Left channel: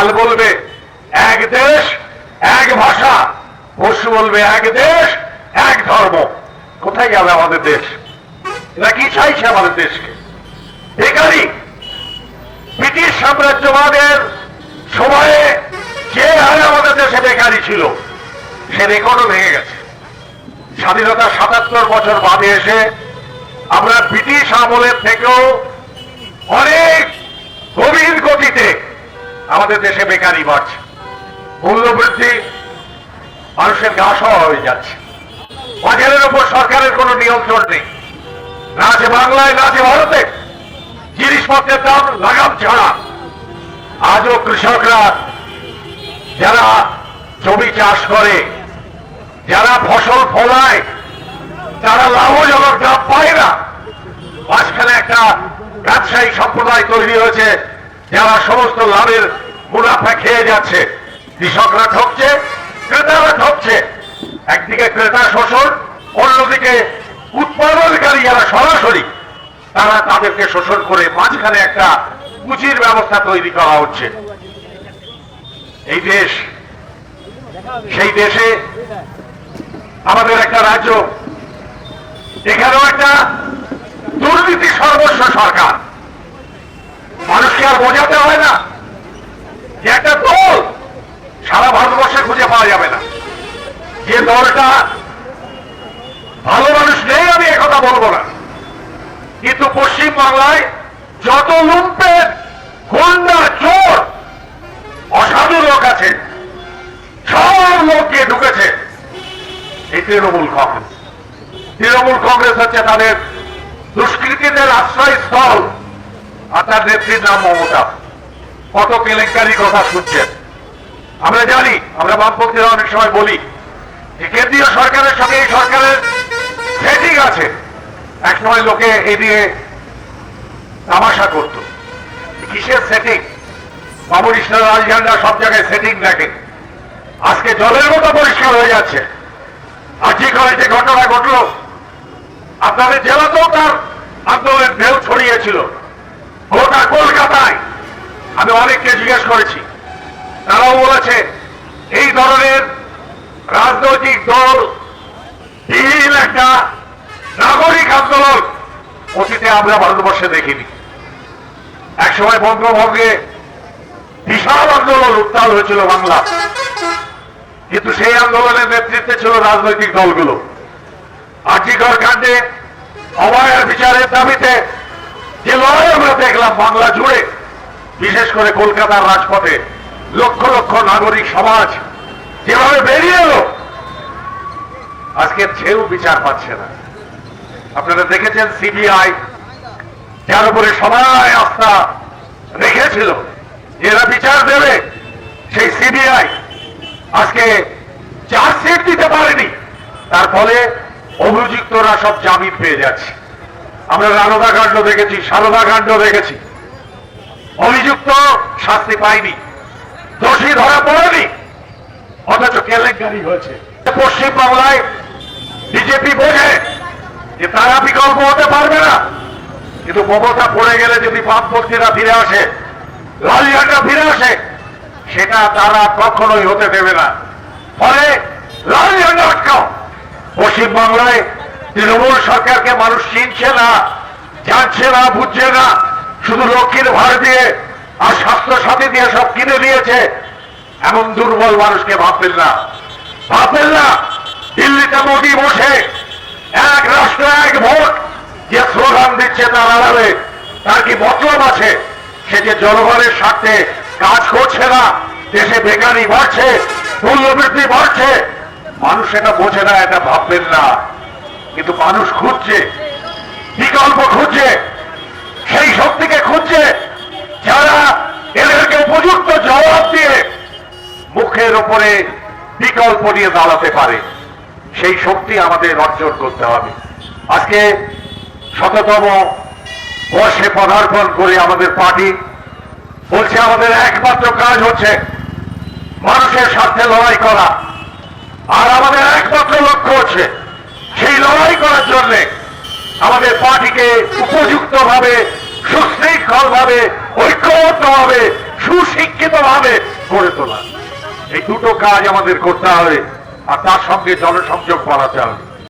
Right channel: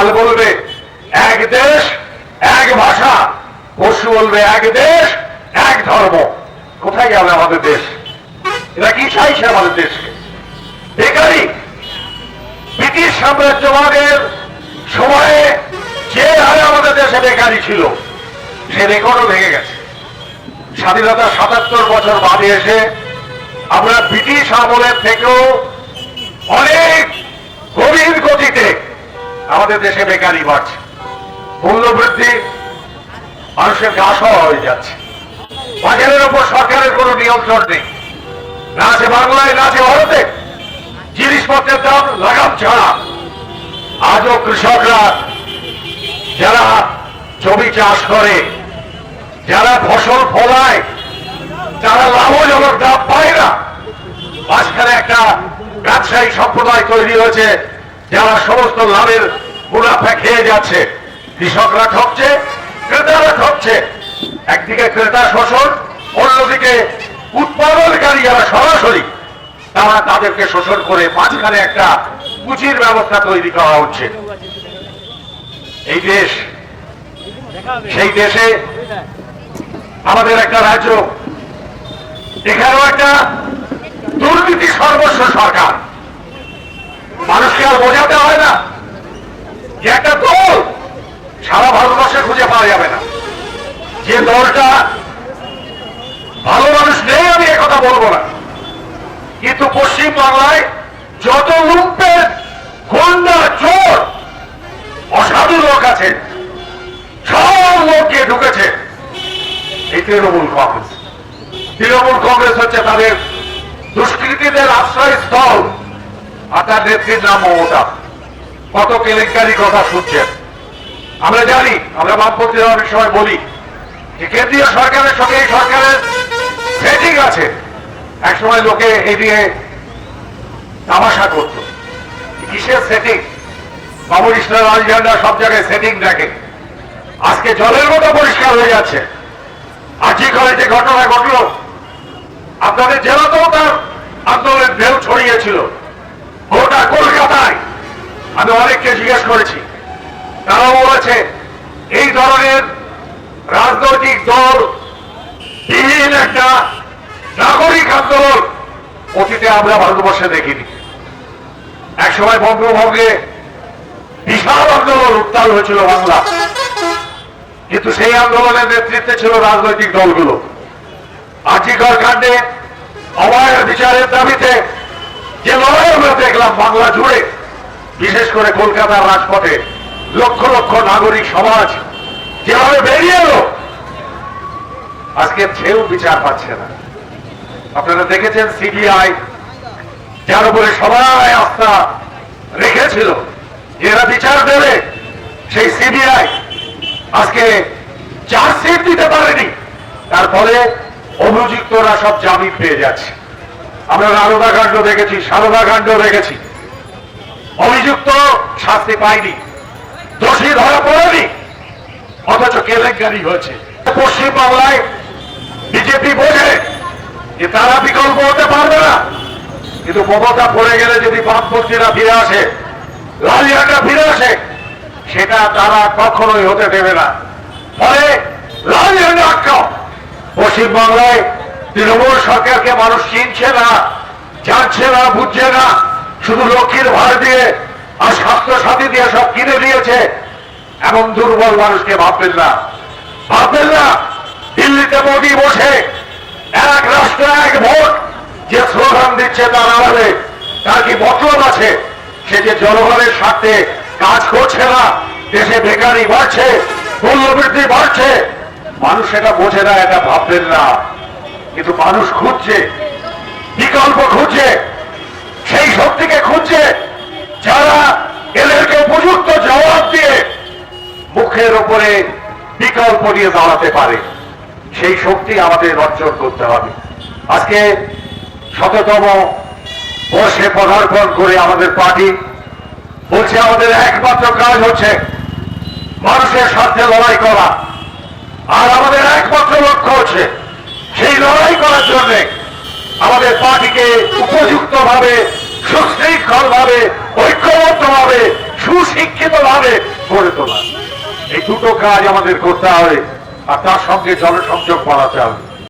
কাল বলবে এক দেশ, এক ভাষা। পরশু বলবে এক দেশ, এক ধর্ম। কোথায় যাবে আমাদের দেশ? এরা কি চাইছে আমাদের দেশকে? বেকারি। ব্রিটিশ সাম্রাজ্যবাদের সময়ে যে হারে আমাদের দেশে বেকারি ছিল, সে রেকর্ডও ভেঙে গেছে। স্বাধীনতা সাতাত্তর বছর বাদে এসে আমরা ব্রিটিশ আমলের থেকেও অনেক গভীর গতিতে আমাদের দেশে বেকারি বাড়ছে। মূল্যবৃদ্ধি মানুষের ঘাস হওয়া হয়ে যাচ্ছে। বাজারের উপর সরকারের কোনো নিয়ন্ত্রণ নেই। না আছে বাংলায়, না আছে ভারতে জিনিসপত্রের দাম লাগাম ছাড়া আজও কৃষকরা যারা জমি চাষ করে, যারা ফসল ফলায়, তারা লাভজনক দাম পায় না। মাঝখানে একটা ব্যবসায়ী সম্প্রদায় তৈরি হয়েছে যারা সমস্ত লাভের মুনাফা খেয়ে যাচ্ছে, কৃষকরা ঠকছে, ক্রেতারা ঠকছে। একদিকে ক্রেতা শোষণ, অন্যদিকে উৎপাদনকারী যারা সরাসরি, তারা তাদেরকে শোষণ করে মাঝখানে একটা পুঁজির ব্যবস্থা তৈরি করা হচ্ছে। এই দেশ, সেই দেশে আমাদের একটা রাজ্য, এখানেও একটা দুর্নীতি সর্বস্ব সরকার। আর বোঝাতে হয় না যে একটা দল সারা ভারতবর্ষে খুঁজে পাওয়া যাবে না। যে দলটা ভালো মানুষ নেই আমি কথা বলব না। কিন্তু পশ্চিম বাংলায় যত লুম্পের গুন্ডা চোর, অসাধু লোক আছে, সব লোককে ঢুকেছে। এই তৃণমূল কংগ্রেস। তৃণমূল কংগ্রেস হচ্ছে তাদের দুষ্কৃতীদের আশ্রয়স্থল। আর তার নেত্রীর নাম মমতা। কত কেলেঙ্কারি কথা শুনছেন? আমরা জানি, আমরা বামপন্থীরা অনেক সময় বলি, যে কেন্দ্রীয় সরকারের সঙ্গে এই সরকারের সেটিং আছে। একসময় লোকে এ নিয়ে তামাশা করত। কিসের সেটিং বাবুর ইসলাম লাল ঝান্ডা সব জায়গায় সেটিং দেখে। আজকে জলের মতো পরিষ্কার হয়ে যাচ্ছে। আজি করে যে ঘটনা ঘটলো, আপনাদের জেলাতেও তার আন্দোলনের ঢেউ ছড়িয়েছিল। গোটা কলকাতায়। আমি অনেককে জিজ্ঞেস করেছি। তারাও বলেছে, এই ধরনের রাজনৈতিক দল বিহীন একটা নাগরিক আন্দোলন অতীতে আমরা ভারতবর্ষে দেখিনি। একসময় বঙ্গভঙ্গে বিশাল আন্দোলন উত্তাল হয়েছিল বাংলা। কিন্তু সেই আন্দোলনের নেতৃত্বে ছিল রাজনৈতিক দলগুলো। আজিকর কাণ্ডে অবায়ের বিচারের দাবিতে যে লড়াই আমরা দেখলাম বাংলা জুড়ে, বিশেষ করে কলকাতার রাজপথে লক্ষ লক্ষ নাগরিক সমাজ যেভাবে বেরিয়ে এলো, আজকে সেও বিচার পাচ্ছে না। আপনারা দেখেছেন সিবিআই, যার উপরে সবাই আস্থা রেখেছিল এরা বিচার দেবে, সেই সিবিআই আজকে চার্জশিট দিতে পারেনি। তার ফলে অভিযুক্তরা সব জামিন পেয়ে যাচ্ছে। আমরা নারদা কাণ্ড দেখেছি, সারদা কাণ্ড দেখেছি। অভিযুক্ত শাস্তি পায়নি, দোষী ধরা পড়েনি, অথচ কেলেঙ্কারি হয়েছে। পশ্চিম বাংলায় বিজেপি বোঝে যে তারা বিকল্প হতে পারবে না। কিন্তু মমতা পড়ে গেলে যদি বামপন্থীরা ফিরে আসে লাল ঝান্ডা ফিরে আসে, সেটা তারা কখনোই হতে দেবে না। ফলে লাল ঝান্ডা আটকাও। পশ্চিমবাংলায় তৃণমূল সরকারকে মানুষ চিনছে না, জানছে না, বুঝছে না। শুধু লক্ষ্মীর ভার দিয়ে আর স্বাস্থ্য সাথী দিয়ে সব কিনে দিয়েছে। এমন দুর্বল মানুষকে ভাববেন না। ভাববেন না, দিল্লিতে মোদী বসে এক রাষ্ট্র, এক ভোট, যে স্লোগান দিচ্ছে তার আড়ালে, তার কি মতলব আছে? সে যে জনগণের স্বার্থে কাজ করছে না, দেশে বেকারি বাড়ছে, মূল্যবৃদ্ধি বাড়ছে, মানুষ সেটা বোঝে না, এটা ভাববেন না। কিন্তু মানুষ খুঁজছে, বিকল্প খুঁজছে, সেই শক্তিকে খুঁজছে যারা এদেরকে উপযুক্ত জবাব দিয়ে মুখের উপরে বিকল্প দিয়ে দাঁড়াতে পারে। সেই শক্তি আমাদের অর্জন করতে হবে। আজকে শততম বর্ষে পদার্পণ করে আমাদের পার্টি বলছে, আমাদের একমাত্র কাজ হচ্ছে মানুষের স্বার্থে লড়াই করা। আর আমাদের একমাত্র লক্ষ্য হচ্ছে সেই লড়াই করার জন্য আমাদের পার্টিকে ঐক্যবদ্ধ ভাবে সুশিক্ষিত ভাবে গড়ে তোলা। এই দুটো কাজ আমাদের করতে হবে, আর তার সঙ্গে জনসংযোগ বাড়াতে হবে।